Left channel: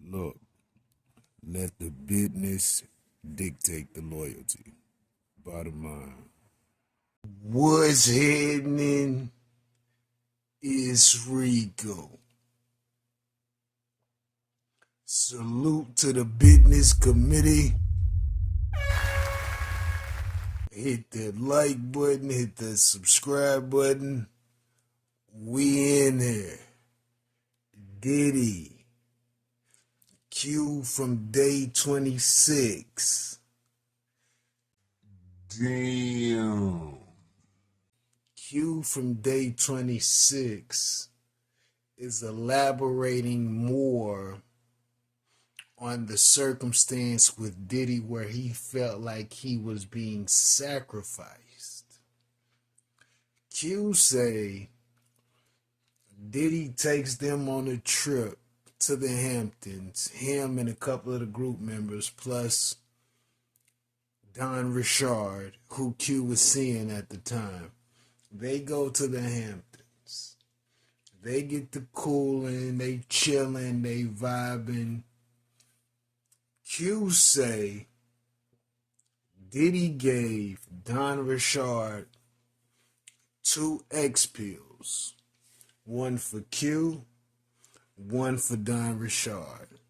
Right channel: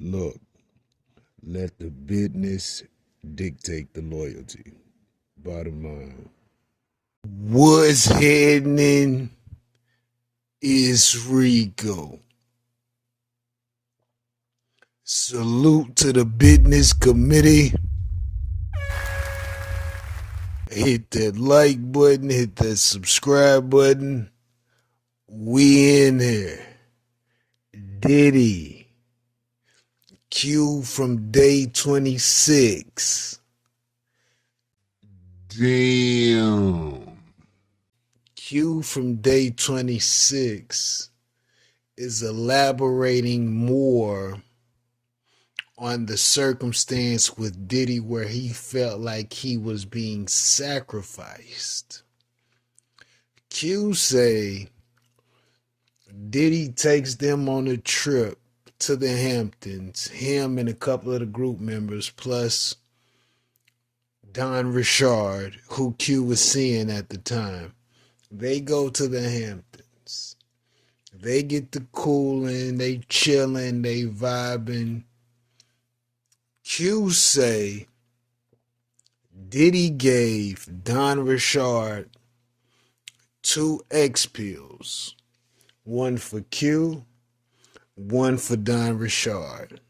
Look, let the business dictate the loyalty. Bottom line. What's happening is Rico. Salute to the business committee. Hit that like button, hit that subscribe button. We in here. Diddy. Q from day 26. Damn. Q from day 26 is elaborating more on the circumstance with Diddy where he felt like he was being sacrificed. Q say Diddy takes them on a trip to the Hamptons, him and a couple of the group members, plus Don Richard, who Q was seeing at the time. They go to the Hamptons. They get the cooling, they chilling, they vibing. Q say Diddy gave Don Richard 2 X pills. One for Q, one for Don Richard.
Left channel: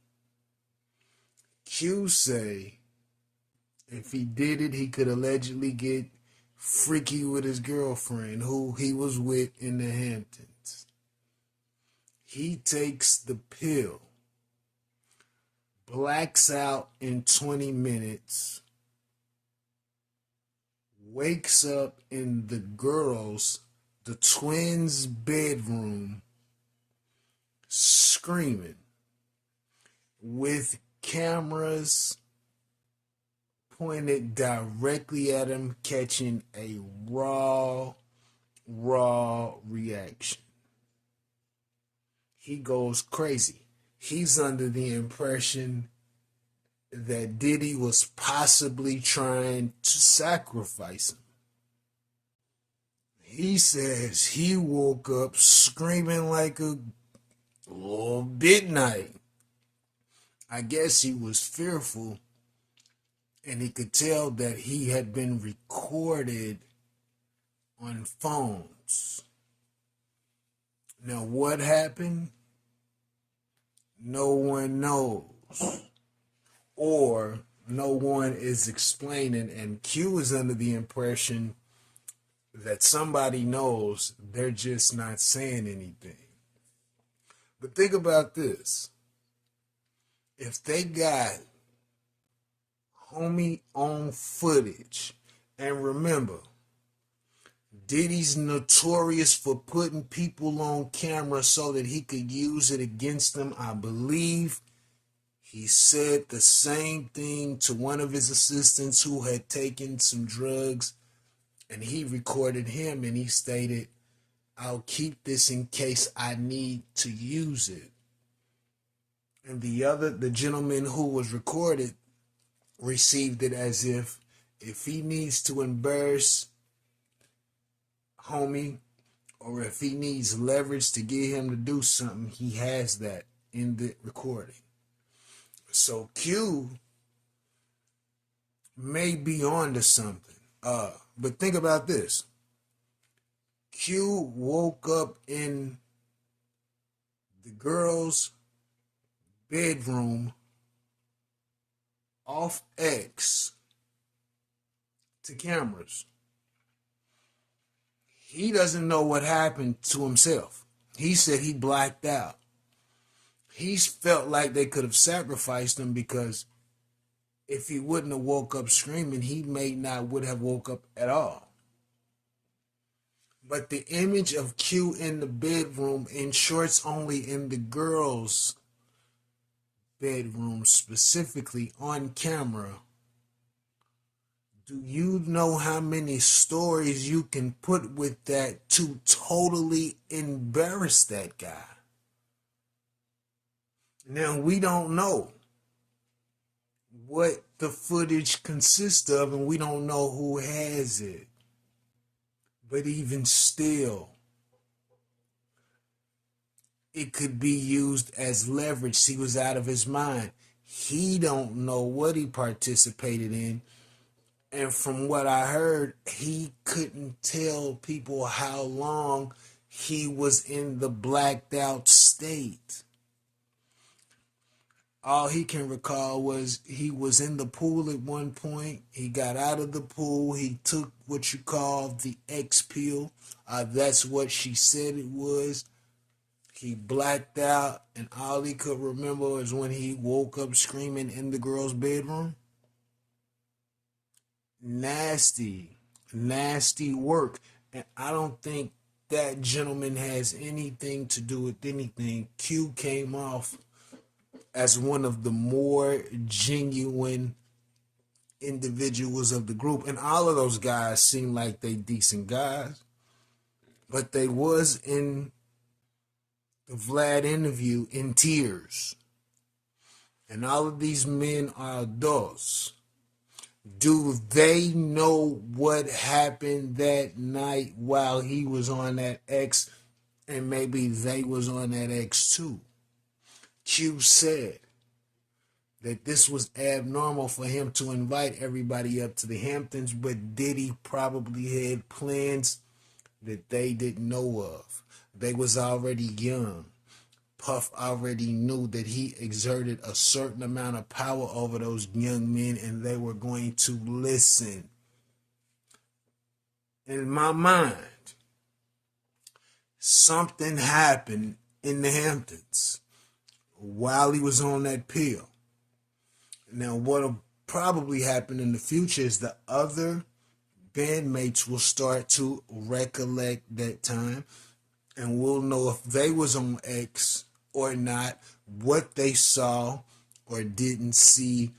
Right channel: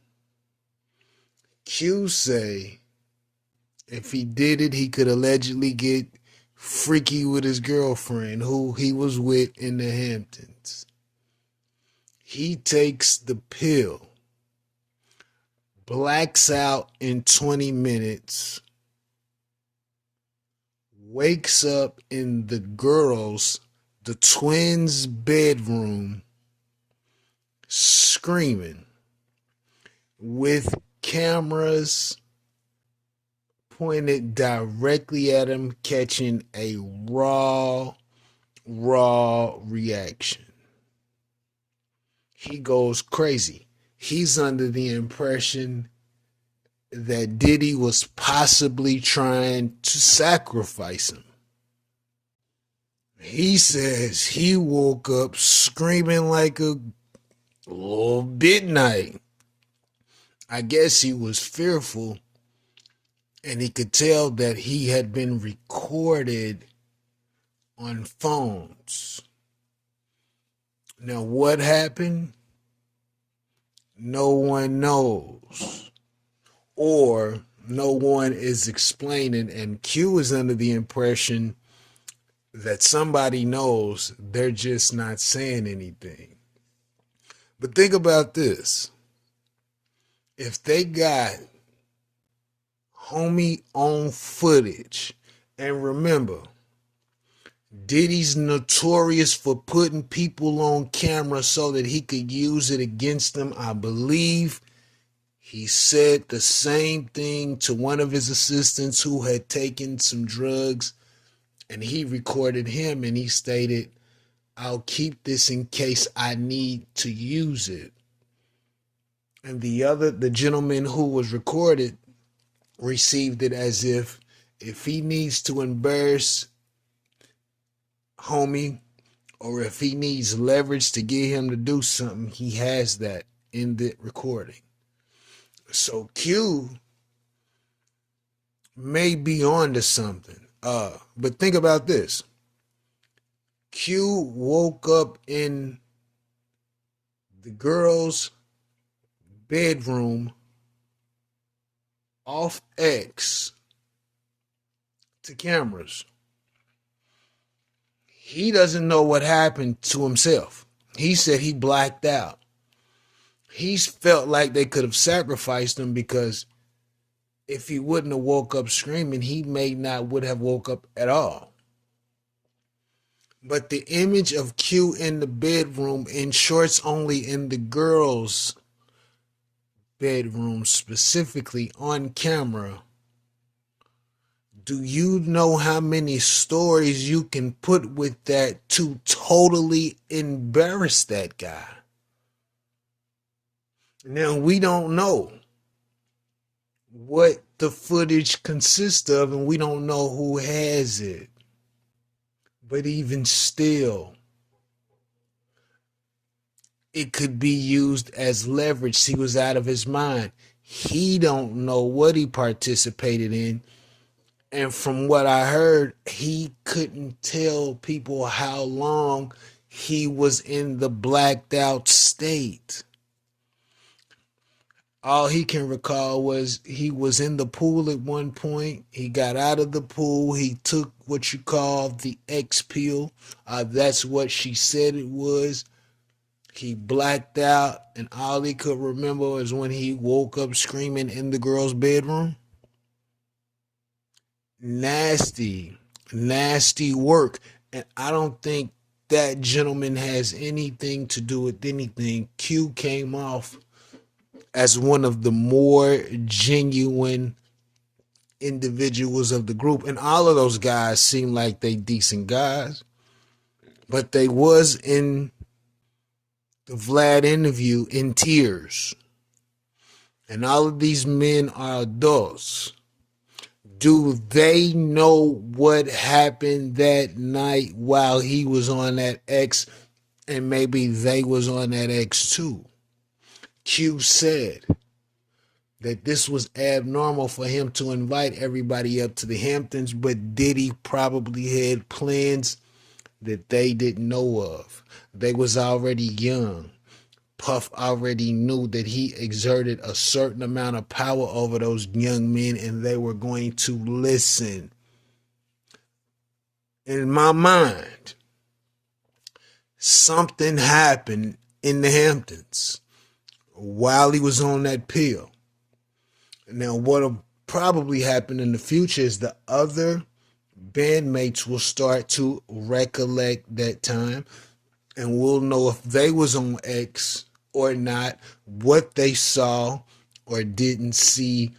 Q say if he did it, he could allegedly get freaky with his girlfriend, who he was with in the Hamptons. He takes the pill, blacks out in 20 minutes, wakes up in the twins' bedroom, screaming, with cameras pointed directly at him, catching a raw reaction. He goes crazy. He's under the impression that Diddy was possibly trying to sacrifice him. He says he woke up screaming like a little midnight. I guess he was fearful, and he could tell that he had been recorded on phones. Now, what happened? No one knows. Or no one is explaining, and Q is under the impression that somebody knows, they're just not saying anything. But think about this. If they got homie on footage, and remember, Diddy's notorious for putting people on camera so that he could use it against them. I believe he said the same thing to one of his assistants who had taken some drugs, and he recorded him, and he stated, "I'll keep this in case I need to use it." And the gentleman who was recorded received it as if he needs to embarrass homie, or if he needs leverage to get him to do something, he has that in the recording. So Q may be on to something. But think about this. Q woke up in the girl's bedroom off X to cameras. He doesn't know what happened to himself. He said he blacked out. He felt like they could have sacrificed him because if he wouldn't have woke up screaming, he would have woke up at all. But the image of Q in the bedroom, in shorts only, in the girl's bedroom, specifically on camera, do you know how many stories you can put with that to totally embarrass that guy? Now, we don't know what the footage consists of, and we don't know who has it. But even still, it could be used as leverage. He was out of his mind. He don't know what he participated in. And from what I heard, he couldn't tell people how long he was in the blacked out state. All he can recall was he was in the pool at one point. He got out of the pool. He took what you call the X pill. That's what she said it was. He blacked out, and all he could remember was when he woke up screaming in the girl's bedroom. Nasty, nasty work. And I don't think that gentleman has anything to do with anything. Q came off as one of the more genuine individuals of the group. And all of those guys seem like they decent guys. But they was in the Vlad interview in tears. And all of these men are adults. Do they know what happened that night while he was on that X, and maybe they was on that X too? Q said that this was abnormal for him to invite everybody up to the Hamptons, but Diddy probably had plans that they didn't know of. They was already young. Puff already knew that he exerted a certain amount of power over those young men, and they were going to listen. In my mind, something happened in the Hamptons while he was on that pill. Now, what'll probably happen in the future is the other bandmates will start to recollect that time, and we'll know if they was on X or not, what they saw or didn't see,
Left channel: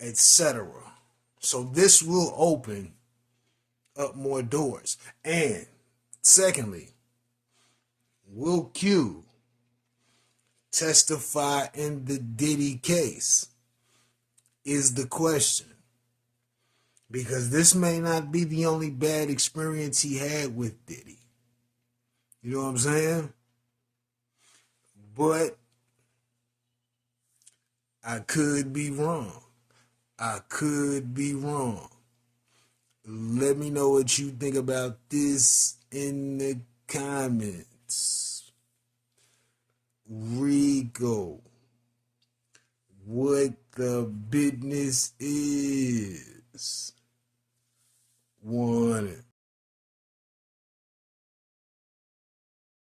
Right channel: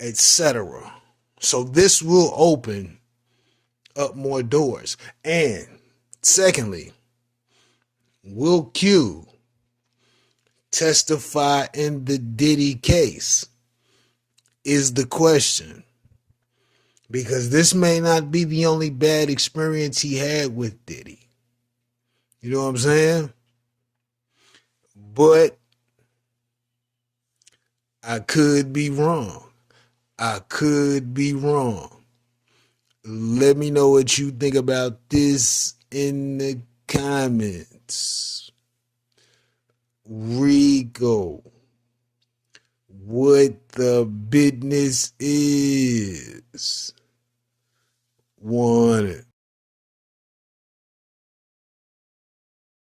etc. So this will open up more doors. And secondly, will Q testify in the Diddy case is the question. Because this may not be the only bad experience he had with Diddy. You know what I'm saying? But I could be wrong. I could be wrong. Let me know what you think about this in the comments. Rico, what the business is. Want it.